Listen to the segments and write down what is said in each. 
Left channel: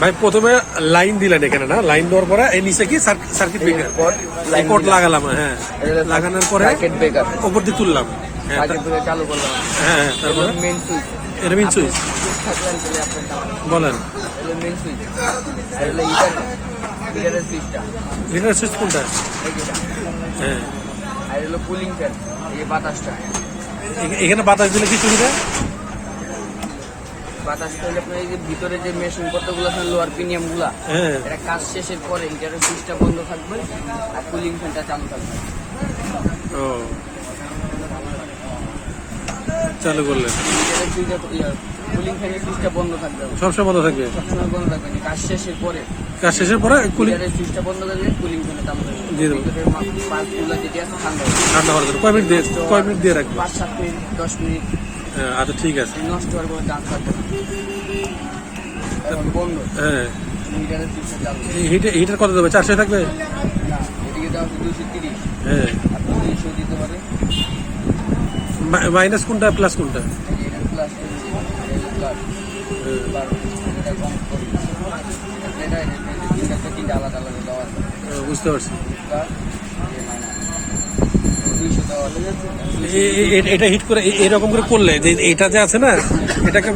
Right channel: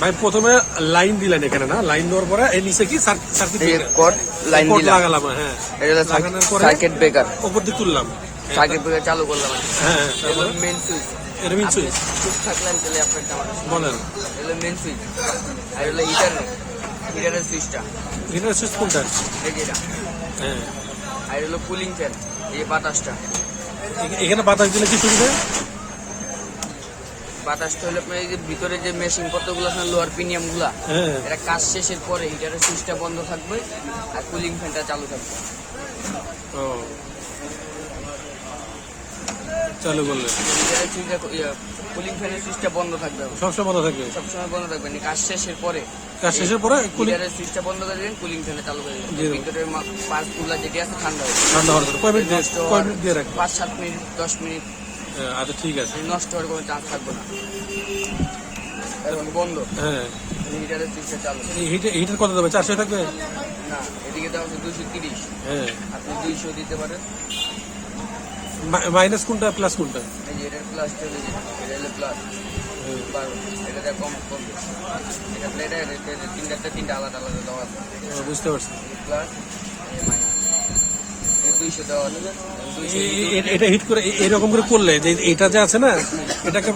ভাই প্রথমে লাইন দিলেন এখানে না, লাইন দেওয়ার পরে এই নিচে কি সার্কিট ব্রেকার কোড লাগালাম, হ্যাঁ লাগানোর পরে সার্কিট ব্রেকার উপর দিয়ে তুললাম, সার্কিট ব্রেকার চালু করলাম। হ্যাঁ তারপরে মেইন সুইচ, এটা মেইন সুইচ বলেন। এটা মেইন সুইচ, এটা হিটারের সুইচটা। হিটার সুইচ কোনটা? হ্যাঁ আর হলো কুলিং ফ্যান, এই বাতাসটা। এখানে বাতাস দিলে কি সুবিধা? বাতাসটা হলে আপনার এই যে ভিতরে যে মেশিন পত্রগুলো আছে লোয়ার প্রিমিয়াম গুলা, হ্যাঁ এটা কাজ শেষের পরে হিটারের সুইচটা বন্ধ থাকবে আর কুলিং ফ্যানটা চালু থাকবে। ও চালু করলেন, কুলিং ফ্যানের সুইচটা বন্ধ থাকবে, সবসময় বন্ধ থাকবে, সবসময় বন্ধ থাকবে না, কাজ শেষের পরে। কাজ শেষের পরে কুলিং হিটারের সুইচটা বন্ধ করে দিলে কুলিং ফ্যানটা চালু থাকবে। দিয়ে দেবো, ভিতরের পার্টগুলো যেটা আছে ঠান্ডা হবে। ঠান্ডা হওয়ার জন্য কয় মিনিট দিয়ে রাখবো? 5-7 মিনিট 10 মিনিট আচ্ছা ঠিক আছে। নষ্ট হওয়ার কোনো চান্স থাকবে না। এখন বন্ধ, হ্যাঁ হিটারের সুইচটা চালু। হিটার কত দেবে? 400 থাকবে? না, এদিকে দেওয়া আছে 230, হ্যাঁ আপনি 200 দিতে পারেন। মাইনাস কোনটা প্লাস কোনটা? এই যে এটার প্লাস প্লাস, এটা কম করবে। এটা তিনটা আলাদা আলাদা দেওয়া আছে। বুঝতে পারছি। প্লাস 200 দেওয়া আছে। এটা হিট করে এরকম করে করলে যে এটা যে আছে না, এটাকে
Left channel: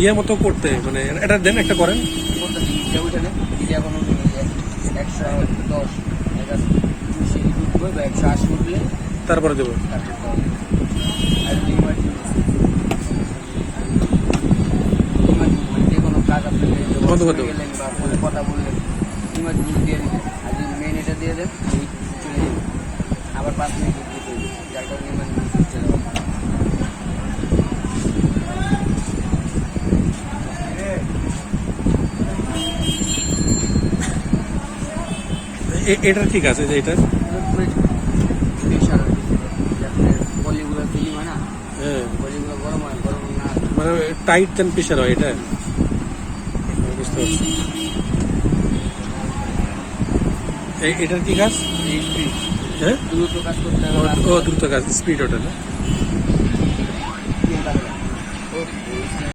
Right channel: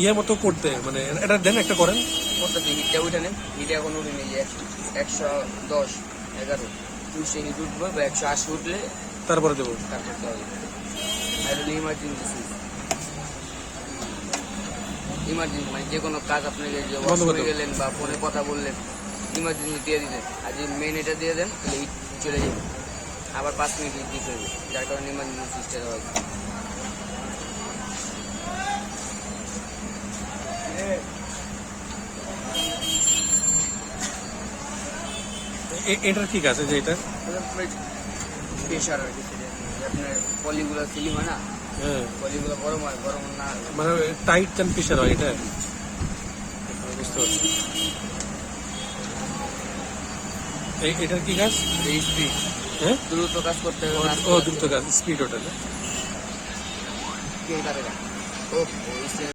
ইয়ে মতো করতে, মানে এটা দেন একটা করেন। করতে দিই হিটটা উঠে নেই, হিটে এখন উঠে নেই 110 11 200 হিট উঠবে বা 180 উঠলে তারপরে দেবো। তারপর দেওয়া হবে। আর ইমার্জেন্সি যে কোনো কাজ আপনি বন্ধ করে দেবো। গেলেন বা ফোনে কথা বললেন, ইমার্জেন্সি দিয়ে দিলেন, আর যে মেন এটা দিয়ে দেন হিট চলে যাবে, আবার 5 মিনিট হিট দিতে হবে, যার কারণে ইমার্জেন্সি সুইচটা দেওয়া হবে। এটা ঠিক আছে যে এটা, প্রেশার পলিগুলো ফিলিং হয় না, হ্যাঁ পলিগুলো গরম হয়, গরম না মানে টাইট দেন প্রেশার হয় এটা, বুঝতে পারছি। এটার কি কাজ? এই স্পিড হ্যাঁ দ্রুত কাজ করতে ও হবে। দ্রুত কাজ, স্পিড ওটা না? ওকে